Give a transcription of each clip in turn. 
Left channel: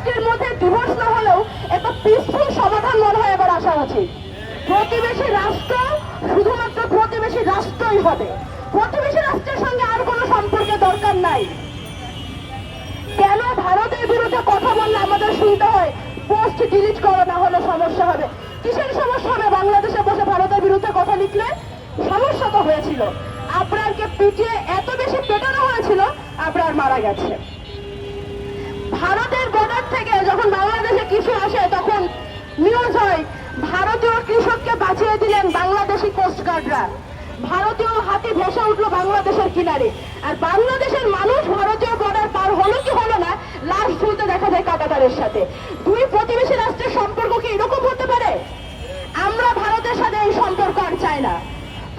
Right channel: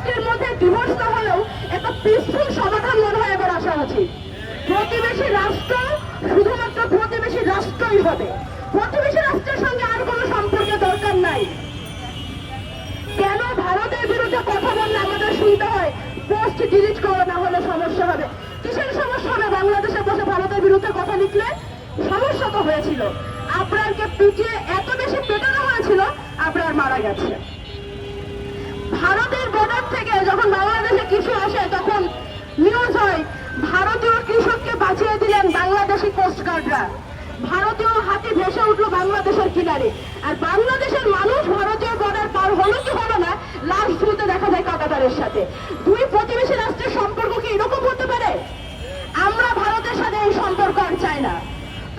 রাষ্ট্রের মধ্যে ডিভোর্স না হলেও একটা পিসফুল সমাধান মনে হয় এবার আসা উচিত। প্রতিবেশী রাষ্ট্র শুধুমাত্র প্রতিবেশী রাষ্ট্রই হবে, প্রতিবেশী রাষ্ট্রের সঙ্গে আর কোনো সম্পর্কের দরকার নাই। কেন ভারতের বিরুদ্ধে কথা বললে আমাদের শুনতে হয় পোস্ট ডিলিট করো, না হলে সমস্যা হবে? কিসের সমস্যা হবে? বাংলাদেশে বসে ভারতের বিরুদ্ধে কথা লিখলে সমস্যা তো হয়েছিল। আবরারকে পিটিয়ে এত বেশি পেটানো হয়েছিল, আবরার মারা গেছে। ভারতের বর্ডার থেকে যখন বাংলাদেশে কিছু আসে তখন নিউজ হয় ভারতীয় কৃষককে বাঁচিয়ে দিলেন বাংলাদেশি কোস্টগার্ডরা, ভারতীয় হাতি ভেসে উঠলো বাংলাদেশের কিনারে। আর বাংলাদেশের মানুষ ভারতীয় বর্ডার পার হলো কি হলো না, লাশ ঝুলতে দেখা যায় কাঁটাতারের সাথে। দুই প্রতিবেশী রাষ্ট্রের সম্পর্ক কি এরকম হতে পারে? আমরা ভারতের সাথে এই সম্পর্ক আর চাই না।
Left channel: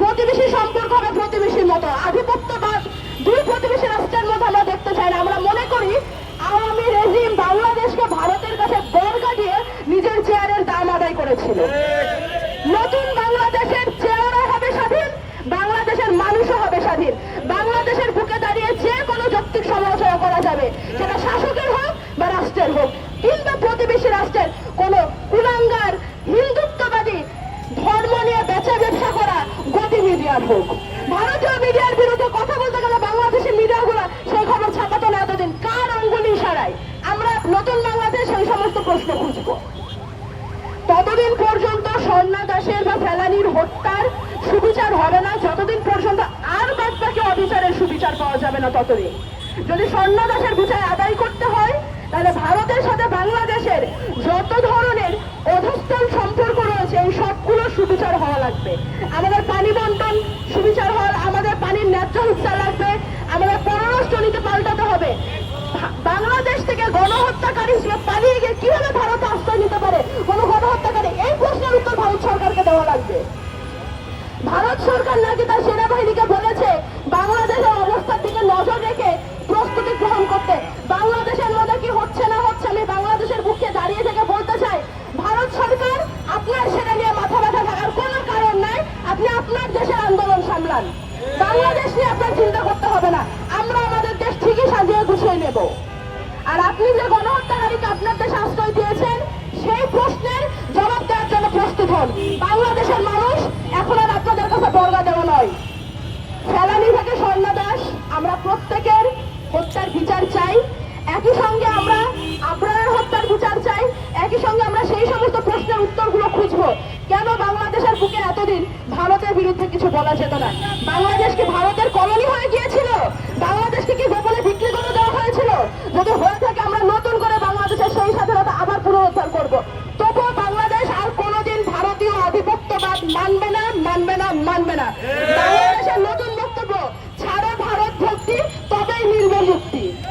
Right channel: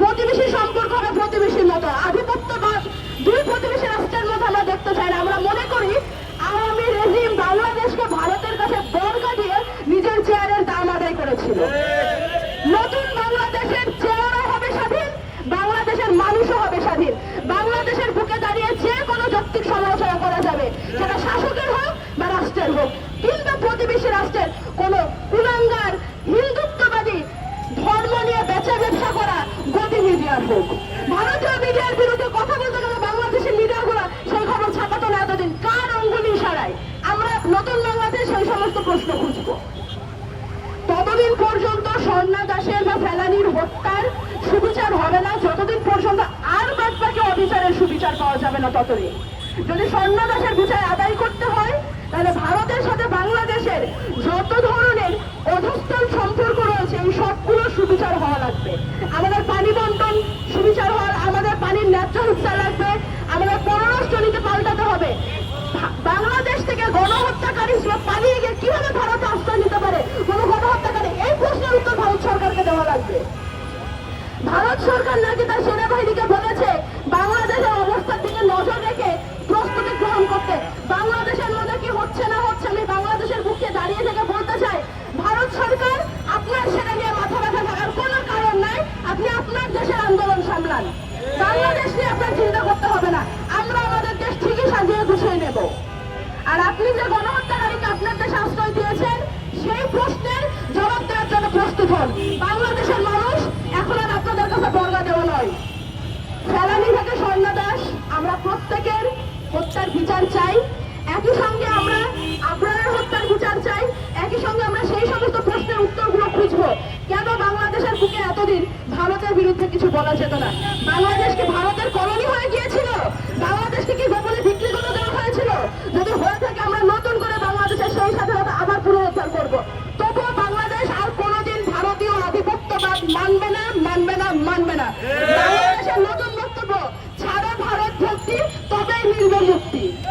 প্রতিবেশী সম্পর্ক হবে প্রতিবেশীর মতো, আধিপত্যবাদ দুই প্রতিবেশী রাষ্ট্রের মধ্যে আমরা দেখতে চাই না। আমরা মনে করি আওয়ামী রেজিম বাংলাদেশকে ভারতের কাছে বর্গা দিয়ে নিজের চেয়ারের দাম আদায় করেছিল। নতুন বাংলাদেশের চেয়ারও হবে স্বাধীন, বাংলাদেশের মানুষও হবে স্বাধীন। বাংলাদেশের বুকে দাঁড়িয়ে যে কোনো যৌক্তিক সমালোচনা করা যাবে, সেটা শাসকের হোক বা রাষ্ট্রের হোক। কিন্তু প্রতিবেশী রাষ্ট্রের কোন কুলাঙ্গার হিন্দুত্ববাদী ধর্ম নিয়ে বেচা ব্যবসা করা গতি মিডিয়ার হোক, ভারতীয় মিডিয়ার বিরুদ্ধে কথা বলতে গেলে বাংলাদেশের মিডিয়াগুলো সেই খবর ছাপাতো না এতদিন। কার আঙ্গুলি ইশারায় আমরা নতুন বাংলাদেশ সেই সমস্ত প্রশ্ন খুঁজবো? ততদিন পর্যন্ত স্বর্ণা দাসের বা ফেলানির হত্যার সুবিচার হবে না, যতদিন পর্যন্ত আর বাদ বাকি অবিচারের সুবিচার পাওয়া যাবে না ততদিন। যদি স্বর্ণা দাসের বিচার আদায় করতে হয়, তাহলে ভারতের সাথে বাংলাদেশের যত ধরনের অধস্তন সম্পর্ক রয়েছে এই সবগুলো সুবিচার হওয়া লাগবে। আমাদের পানি বন্টন সুবিচার হওয়ার, আমাদের পানির ন্যায্য হিস্সা লাগবে, আমাদের পররাষ্ট্র নীতি পাল্টাতে হবে। বাংলাদেশ থেকে গণহত্যাকারী পালিয়ে গিয়ে কিভাবে ভারত আশ্রয় নিতে পারে কোন গণহত্যাকারী, এই প্রশ্নের উত্তর ভারত সরকারকে দেওয়া লাগবে। ভারত সরকার নাকি তার সেনাবাহিনীকে বলেছে বাংলাদেশের অবস্থার দিকে নজর রেখে প্রস্তুতি গ্রহণ করতে। বাংলাদেশের মধ্যে কি হচ্ছে না হচ্ছে আমি বাংলাদেশের বুকে দাঁড়িয়ে থেকে বলতে চাই, ভারত সরকার আপনার সেনা নিয়ে মাথা ব্যথা থাকার কোনো কারণ নাই। আপনি আপনার দেশের আন্দোলন সামলান, বাংলাদেশ নিয়ে আপনার চিন্তা করতে হবে না। আমরা আমাদের দেশ ঠিকই সাজিয়ে গুছিয়ে নেব। আর আপনি যে গণহত্যাকারীকে আপনার দেশে আশ্রয় দিয়েছেন সেই প্রশ্নের জবাব দেওয়ার জন্য প্রস্তুত হন। বাংলাদেশের মানুষ এখন আর আপনাদের কাছে বর্গা দেওয়া নয়। ফেলানি থেকে স্বর্ণা দাস আমরা প্রত্যেকের হত্যার বিচার চাই, একই সঙ্গে আমরা আবরারের হত্যার বিচার চাই, একই সঙ্গে আমরা সেই সমস্ত প্রশ্নের উত্তরগুলো খুঁজবো। কেন বাংলাদেশের বুকে এতদিন ভারতের বিরুদ্ধে কিছু বলা যেত না? বাংলাদেশ কি ভারতের কলোনি হয়ে গিয়েছিল? বাংলাদেশকে কি গোপনে বিক্রি করে দেওয়া হয়েছিল? যদি হয়ে থাকে আমরা নতুন করে বাংলাদেশের সেই স্বাধীনতা আবার পুনরুদ্ধার করবো। তবুও বাংলাদেশ আর কোনোদিন ভারতীয় আধিপত্যবাদ মানবে না, মানবে না, মানবে না।